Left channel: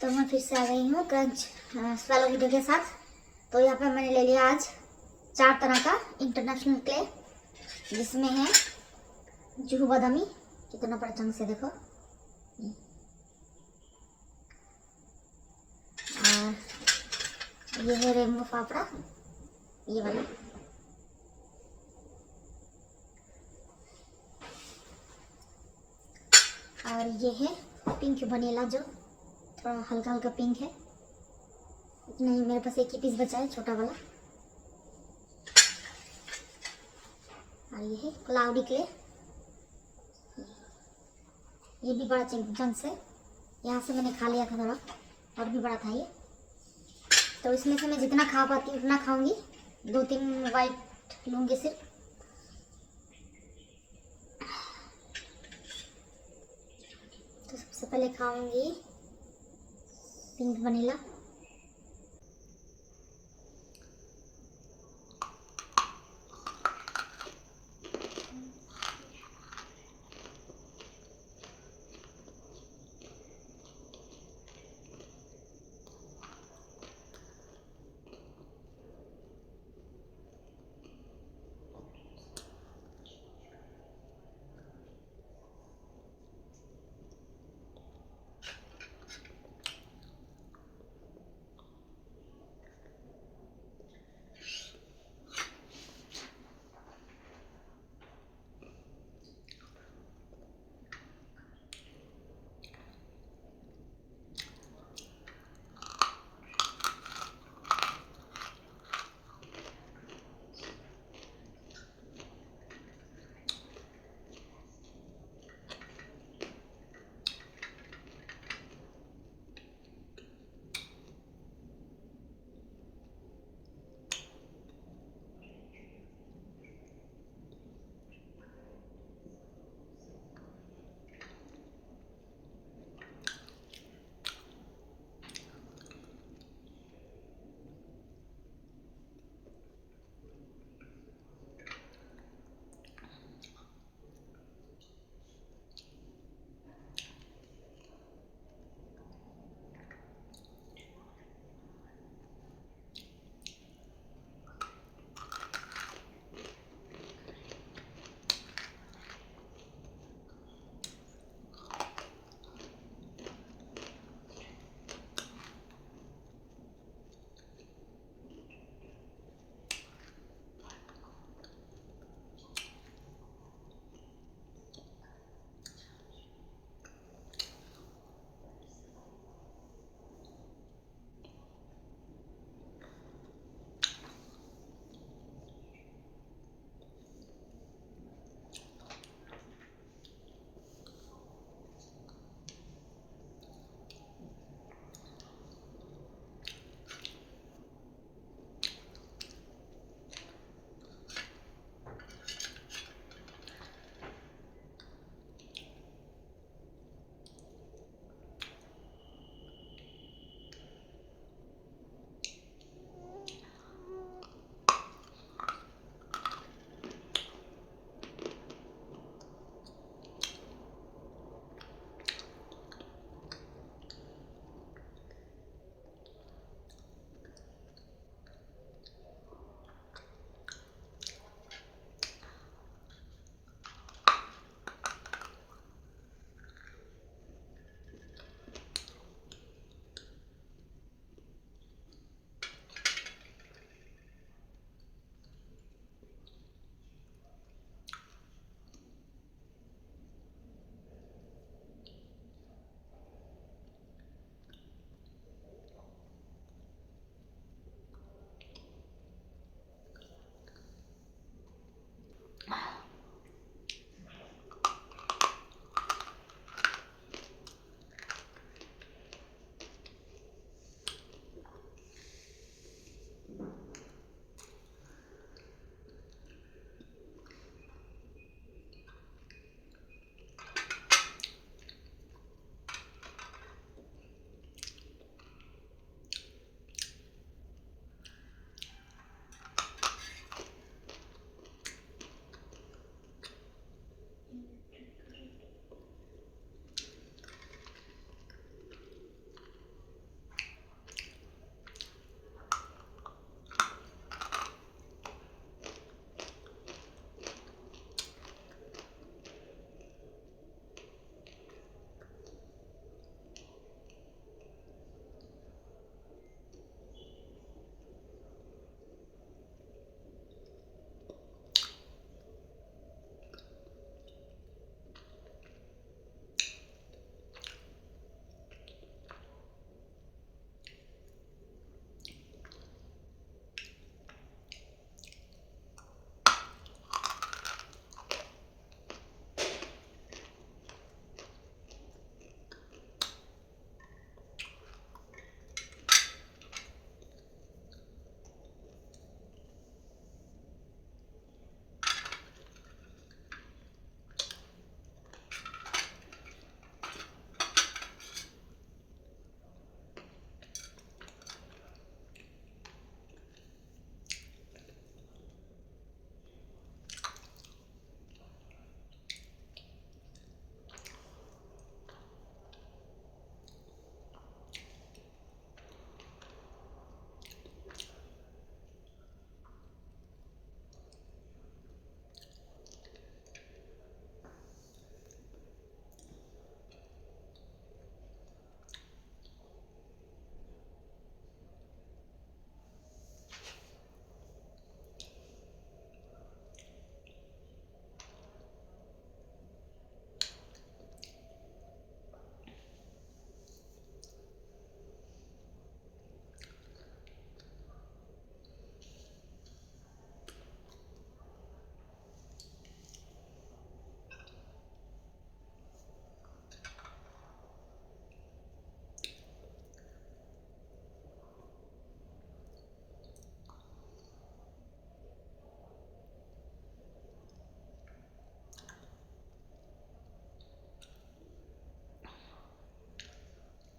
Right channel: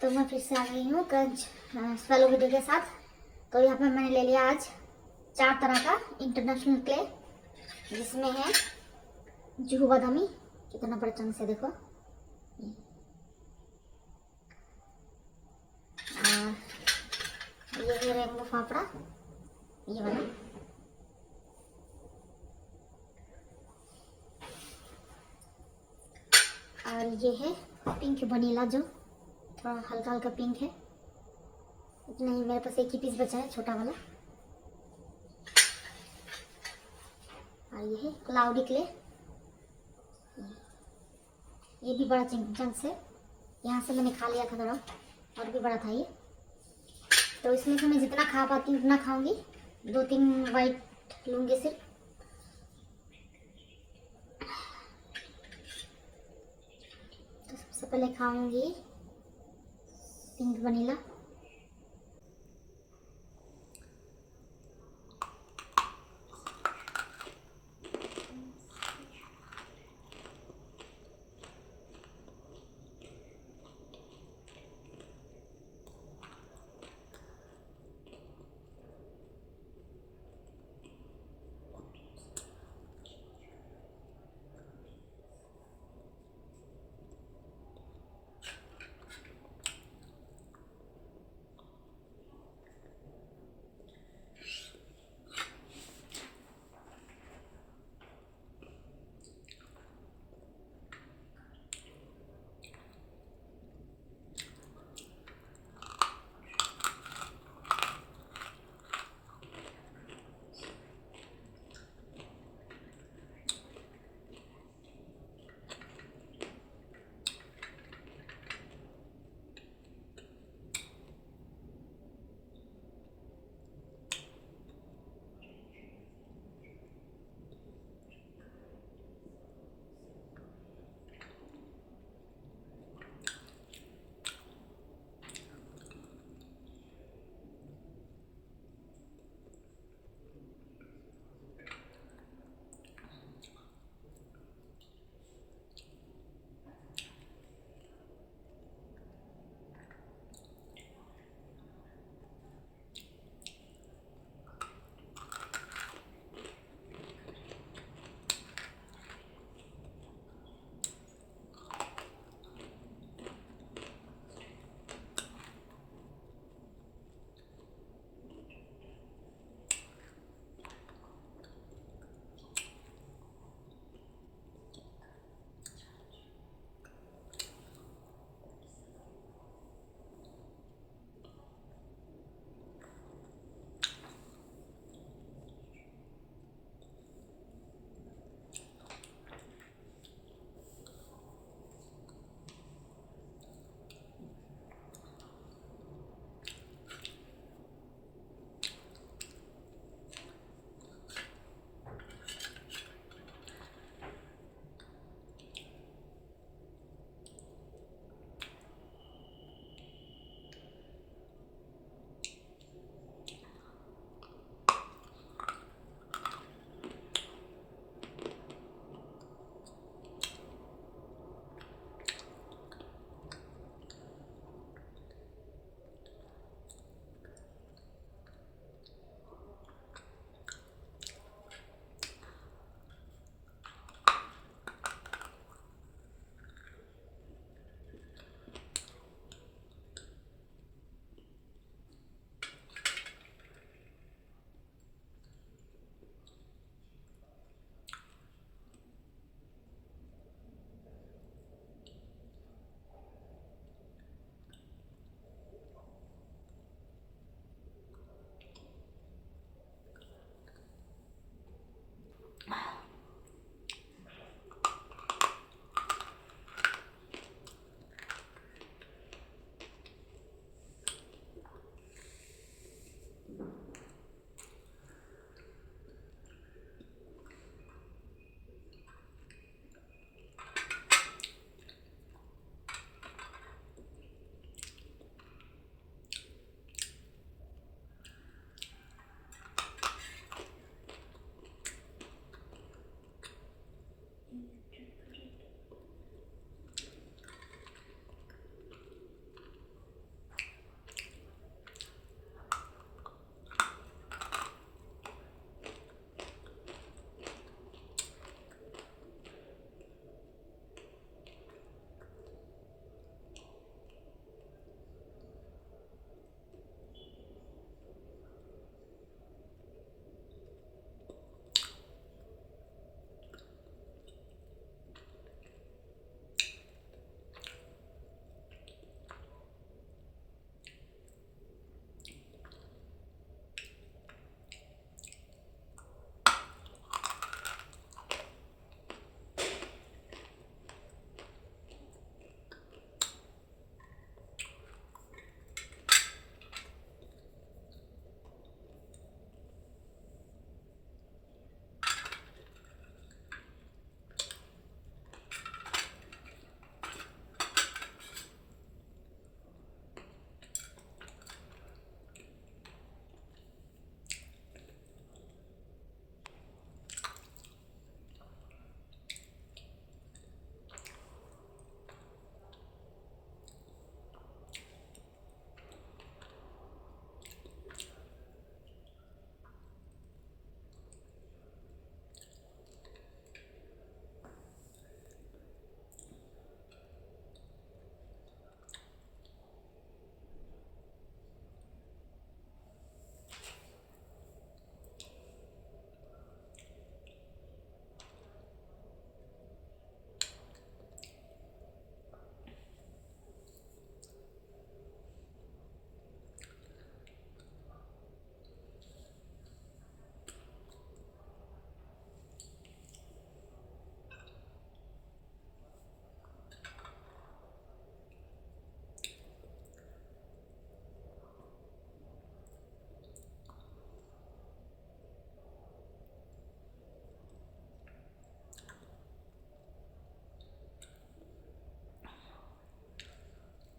तो मैं फिर से आ गई हूँ क्रंच वाले वीडियो के साथ। तो यहाँ पे मैंने ले लिया आज 4 तरह का इंटरनेशनल क्ले, जिसमें है जुहू बादामी, कितना बड़ा चम्मच है देखो, और ये है रेनबो फाफड़ा, ये वाला, और ये है पिंक वनीला, जो थोड़ा हल्का हल्का पिंक है। इतना ही, मेरे पास एक ही पीस बचा है, छोटा वाला। और ये है क्लाउडी क्ले, ये भी बड़ा चंक्स है, यहाँ से मैंने खा लिया था थोड़ा, और भी बड़ा था ये। तो इसमें से मैं जितना खा पाती हूँ उतना खाऊंगी, 2-3 वाइट लूँगी सिर्फ। तो सबसे पहले खाऊंगी पिंक वनीला।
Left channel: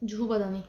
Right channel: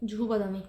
जुहू बादामी।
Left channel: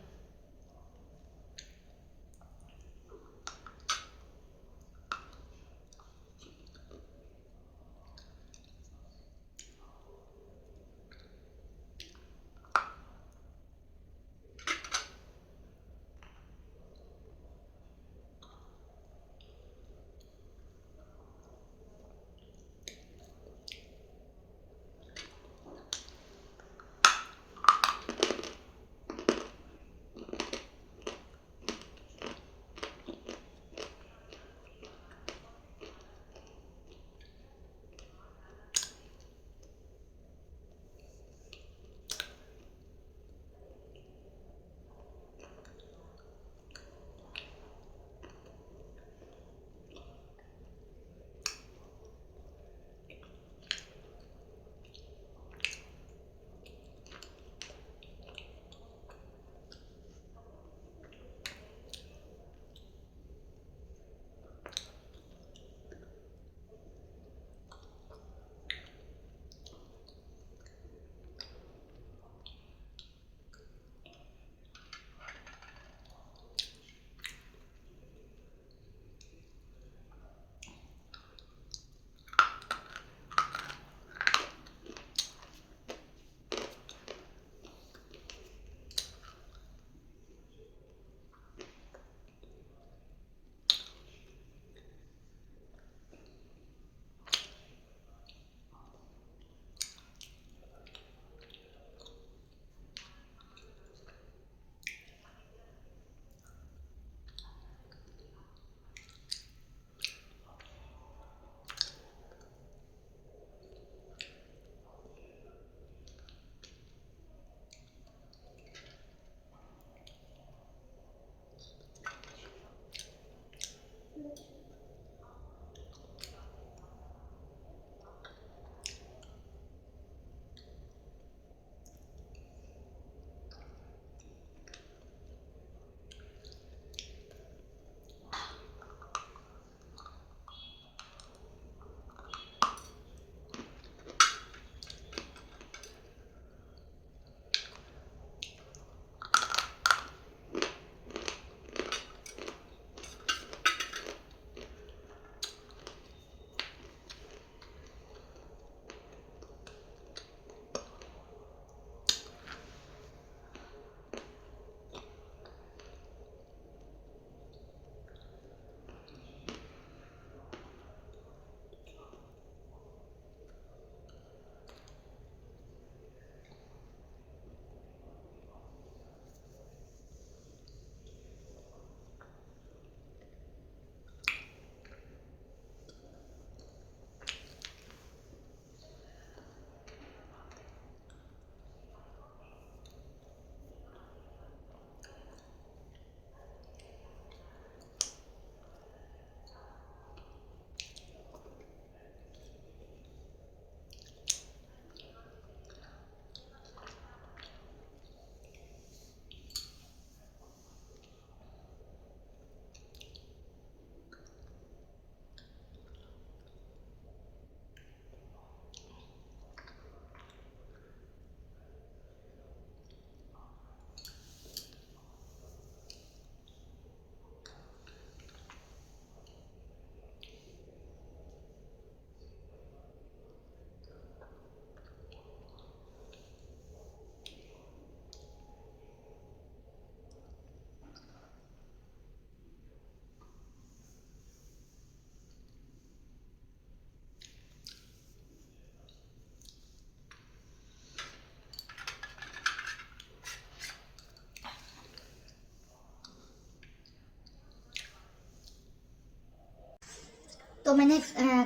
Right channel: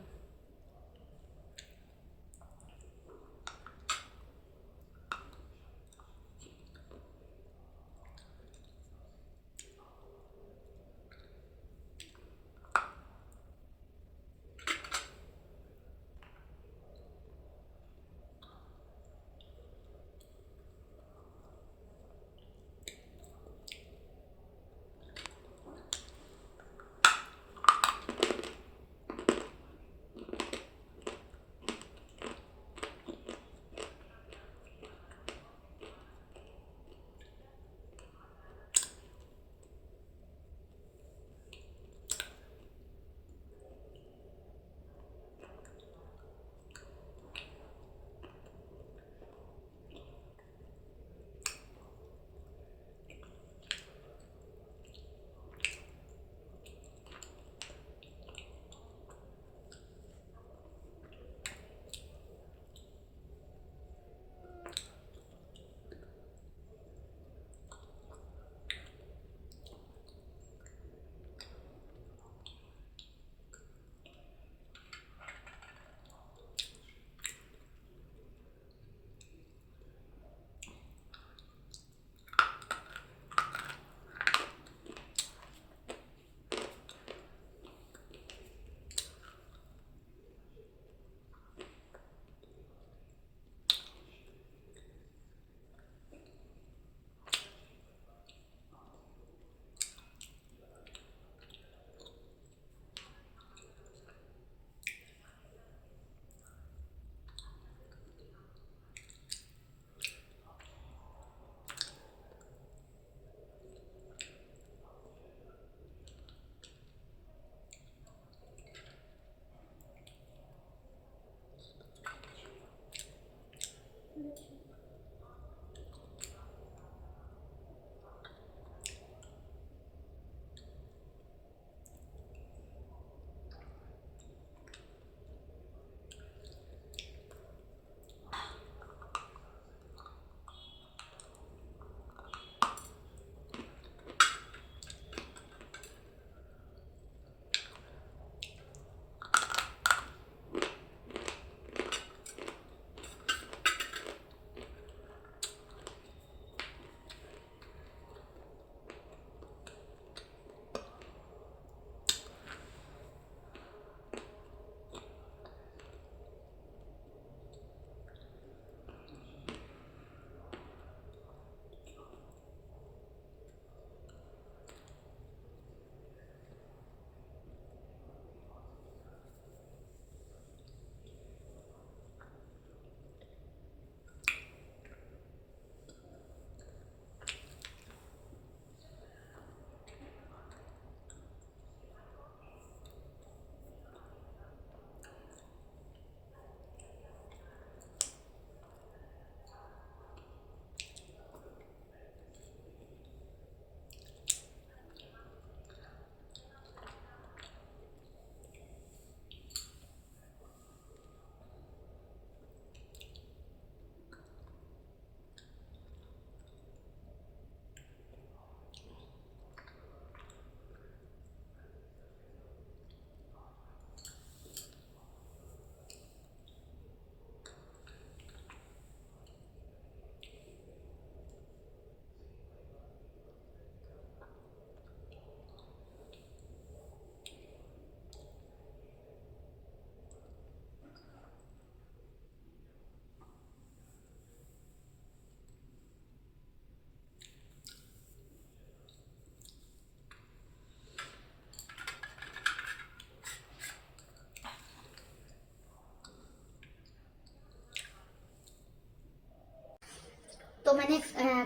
तो मैंने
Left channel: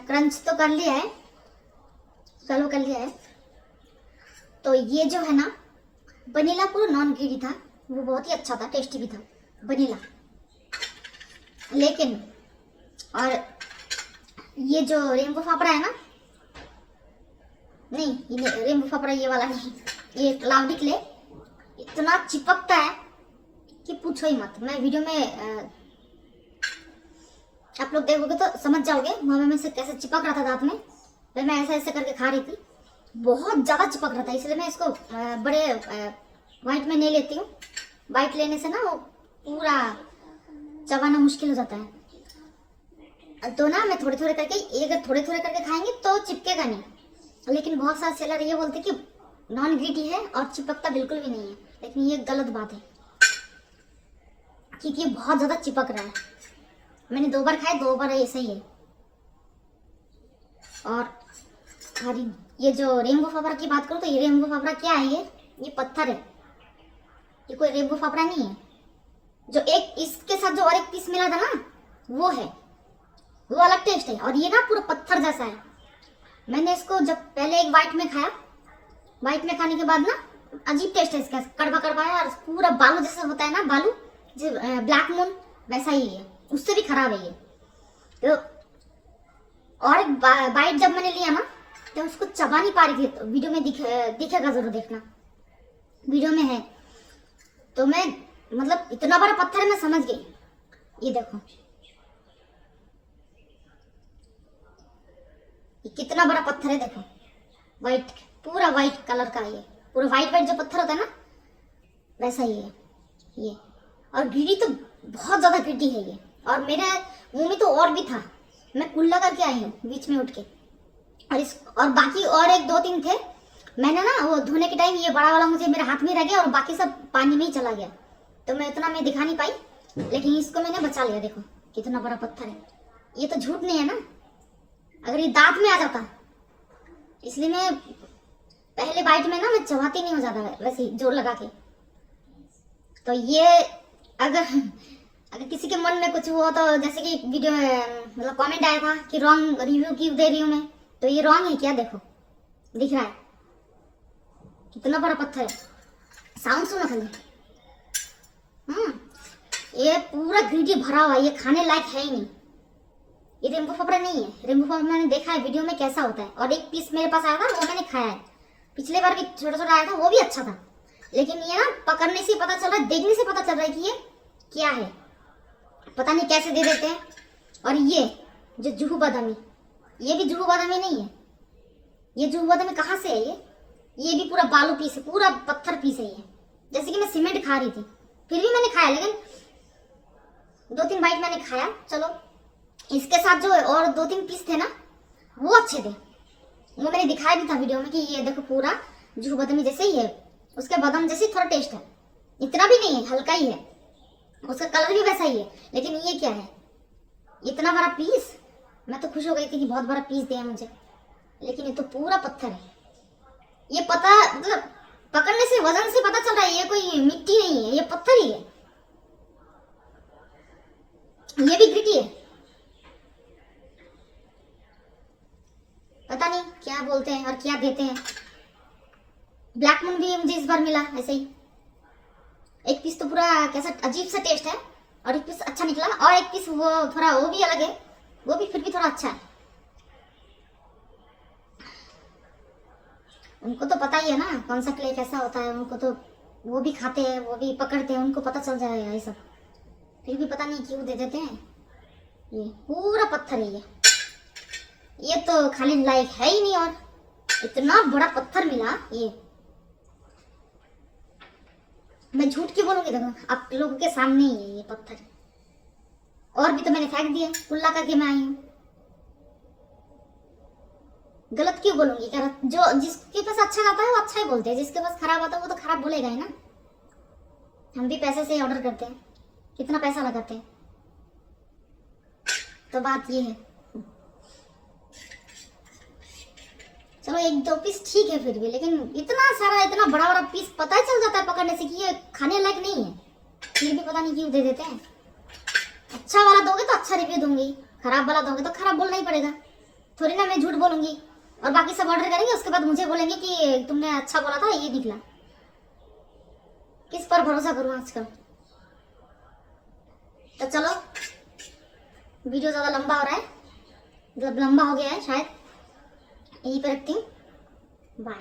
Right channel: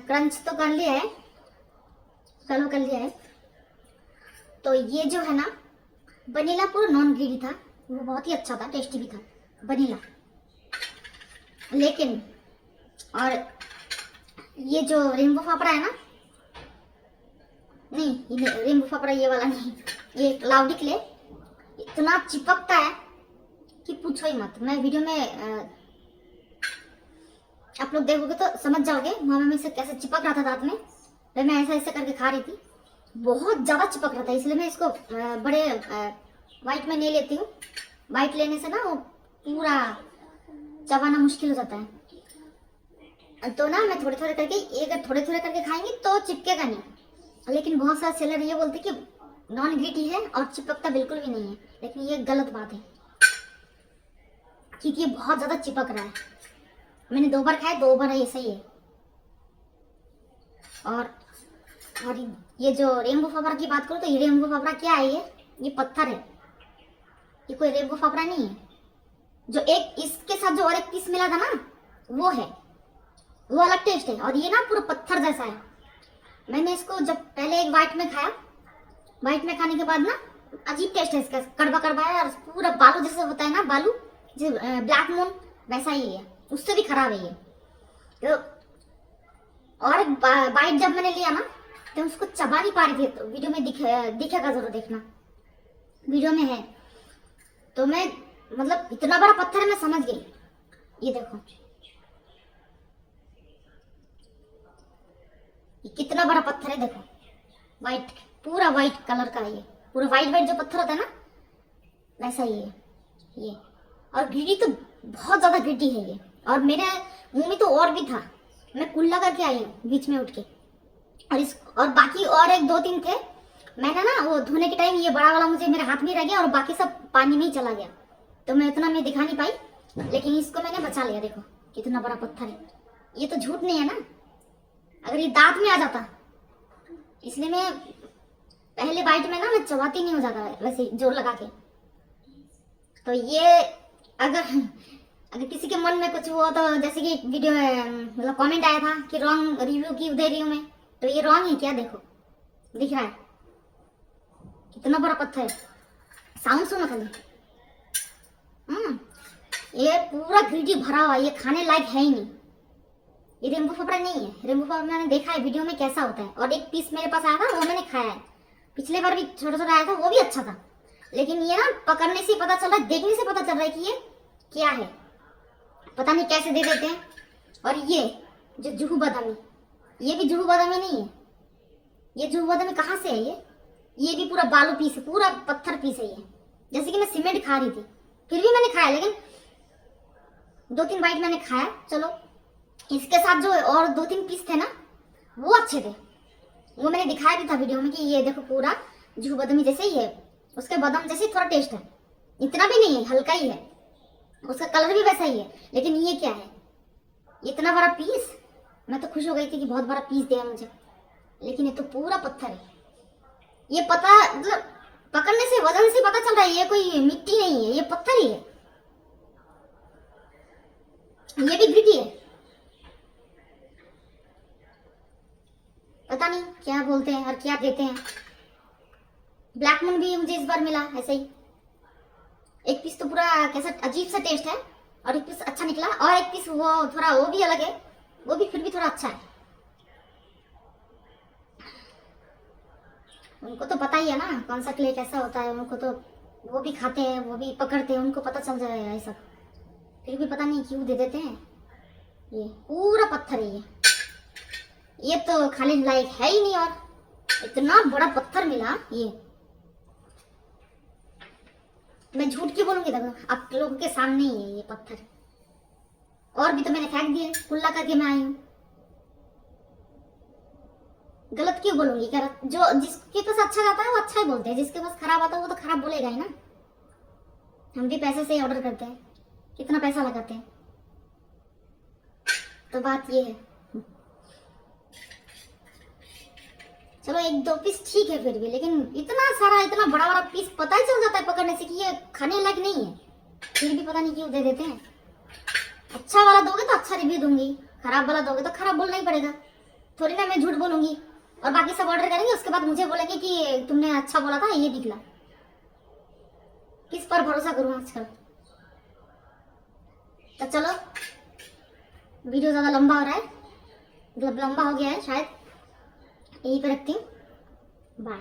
क्रंच तो कर लिया है, चालू कर लिया है। तो ये जो है ना वनीला पूरा नॉन ग्रीडी था, वो बहुत ही अच्छा था, टेस्टी भी था वनीला। लेकिन और ये जो रेनबो फाफड़ा है ना, नहीं ये रेनबो फाफड़ा ये वाला नहीं, ये क्लाउडी क्ले इतना चिपकता है कि पूछो ही मत। मैं वीडियो में आप लोग देखोगे तो समझ जाओगे वहां में से कैसे चिपक रहा था दांत में। तो मैं ऐसा ऐसा करके खा रही थी, बहुत ज्यादा चिपक रहा था, इसलिए मैं इसको बड़े वाइट में नहीं लेती हूँ, वाइट लेने से ना वो पूरा चबाना मुश्किल हो जाता है। तो ना मैं थोड़े थोड़े करके, ये अगर थोड़े थोड़े करके खाएंगे तो चिपकेगा नहीं। लेकिन बहुत सारे सेलर ये बोलते कि नॉन ग्रिटी है और चिपकता बिल्कुल भी नहीं है, लेकिन ये गलत बात है क्योंकि ये बहुत ज़्यादा चिपक रहा है। मैंने 2 बार खाया, 2 बार ऐसा ही है। और ये जो रेनबो फाफड़ा की बात करूँ तो ये रेनबो फाफड़ा क्या है, ये पत्थर है, ये कोई रेनबो फाफड़ा नहीं है। जो एक इसके साथ जो और एक पीस मिला था ना वो है, वो अलग टेस्ट है। और ये ना पूरा पत्थर जैसा है। मैंने इसको जब पहले एक वाइट में खाया, वाइट में खाने के बाद ना अजीब टेस्ट है इसका, कड़वा कड़वा है और पूरा बालू जैसा होता है ना, बालू जो ब्लैक मून वैसा ही है, उससे भी खराब है ये। तो और एक बाइट जब मैंने लिया ना तो उसको चबा नहीं पा रही थी, तो वीडियो में दिखेगा जरूर देखना, वीडियो में है। तो मैं मतलब इतना बड़ा पत्थर है, मैं समझ गई। ये देखो ये कितना बड़ा पत्थर है, देखो वाइट, पूरा वाइट कलर का है ये, पूरा वाइट वाइट जो पत्थर होता है ना वैसा ही है ये। और ग्रिटी तो बहुत ज्यादा ग्रिटी है ये। और मेरे मुंह में तो और भी था, मैं कुल्ला करके आई हूँ बीच में उठ के। और बाकी और 1-2-3 थे, मैंने ना वो धोने के टाइम ये बड़ा वाला मुझे मेरे हाथ में रह गया और बाकी सब पानी में ही चला गया, तो मैं इतना मैं दिखा नहीं पाई, लेकिन इसको मैंने बचा लिया। देखो कितना बड़ा पत्थर है, ये तो झूठ नहीं है ना, अगर ये दांत में आ जाता, इसलिए मैं पहले बाइट में ना मैं चबाती नहीं हो जाता वैसे जोर लगा के। तो ये अगर किसी के मन में कुछ हुआ तो, जैसे कि वीडियो मतलब कमेंट आया था कि रॉन्ग रिव्यू क्यों दे रही हूँ मैं, तो ये रॉन्ग है क्या, देखो दिख रहा है कितना बड़ा पत्थर है। साउंड सुनो खाली, ये पूरा ग्रिटी भरा हुआ है, ये खाने लायक है ही नहीं। ये रेनबो फाफड़ा नहीं है, रेनबो फाफड़ा मैंने देखा है वीडियो में कैसा होता है, और एक पीस मेरे पास आया था वो मैंने खाया है, पिछले बार भी छोटा छोटा आया था वो भी अच्छा था। लेकिन ये ना पकड़ने से पता चल रहा है, देखने से पता चल रहा है कि ये क्या है, पता नहीं कैसे दे देते हैं। और ये जो जुहू बादामी, ये भी जुहू बादामी नहीं है, ये जुहू बादामी कहाँ से है, ये भी पूरा बालू पीस है, पूरा पत्थर पीस है ये। जैसे कि मैं सीमेंट खा रही थी, फिर भी मैंने खाया, लेकिन 2-3 बाइट मैंने खाया। चलो इसके साथ जो और 2-3 पीस थे ना वो अच्छे थे, वो मैंने दिखाया भी था वीडियो में कि ये देखो पूरा जुहू बादामी जैसे ही है, उसके बादाम जैसे थोड़ा टेस्ट है, इतना भी नहीं है, हल्का ही है, उसका कलर भी वैसा ही है। लेकिन ये क्या है, इतना बड़ा पीस, मैं तो खुश हो गई थी कि बहुत बड़ा पीस दिया मुझे, लेकिन ये तो पूरा पत्थर है। ये पता मतलब पकड़ने से वजन से पता चल रहा है ये कोई मिट्टी नहीं है, ये पत्थर ही है। ये भी ग्रिटी है, पता नहीं क्या बोलते हैं और क्या देते हैं। ब्लैक मून भी मुझे इस बार मिला ऐसे ही, एक पीस तो पूरा कैसा अजीब सा टेस्ट है और एक पीस अच्छा निकला, और एक पीस वो थोड़ा वो भी अलग है, वो भी फिर भी थोड़ा अच्छा है। उनको तो पता ही है ना कौन सा क्ले कैसा होता है, उनको तो वो भी खाते हैं, वो भी पकड़ते हैं, उनको पता चल जाएगा ये सब, फिर भी पता नहीं क्यों दे देते हैं। ये पूरा पत्थर ही है, ये तो खाने लायक है ही नहीं, और इतना बड़ा पत्थर मिला ये, मैं झूठ क्यों बोलूंगी, देखो आप लोगों के सामने ही है ये पत्थर, और भी तो मैंने फेंक दिया, कुल्ला करके मैं आई हूँ, गलत क्यों बोलूंगी। जो जिसके पास अच्छा जाता है वो अच्छा ही बोलते हैं, जिसके पास खराब आता है वो तो खराब बोलेगा ही ना। हम भी पैसे से ऑर्डर करते हैं, कितना पैसा लगाते हैं, तो बात ये है। चलो 1-2 पीस ठीक है फिर भी, लेकिन इतना सारा इतना बड़ा बड़ा पीस पता ही चल जाता है पकड़ने से कि ये खाने लायक नहीं है, फिर भी पता नहीं क्यों दे देते हैं। अच्छा वाला दोगे तो अच्छा रिव्यू दूंगी, खराब वाला दोगे तो खराब बोलना ही पड़ेगा, थोड़ी ना मैं झूठ बोलूंगी। और बाकी सब ऑर्डर करेंगे, उसके बाद मुझे बोलेंगे कि तुमने अच्छा बोला था ये निकला। किस पर भरोसा करूं आजकल। तो चलो वीडियो ज्यादा लंबा हो रहा है, मतलब लंबा हो गया है शायद, यहीं पे रखती हूँ, बाय।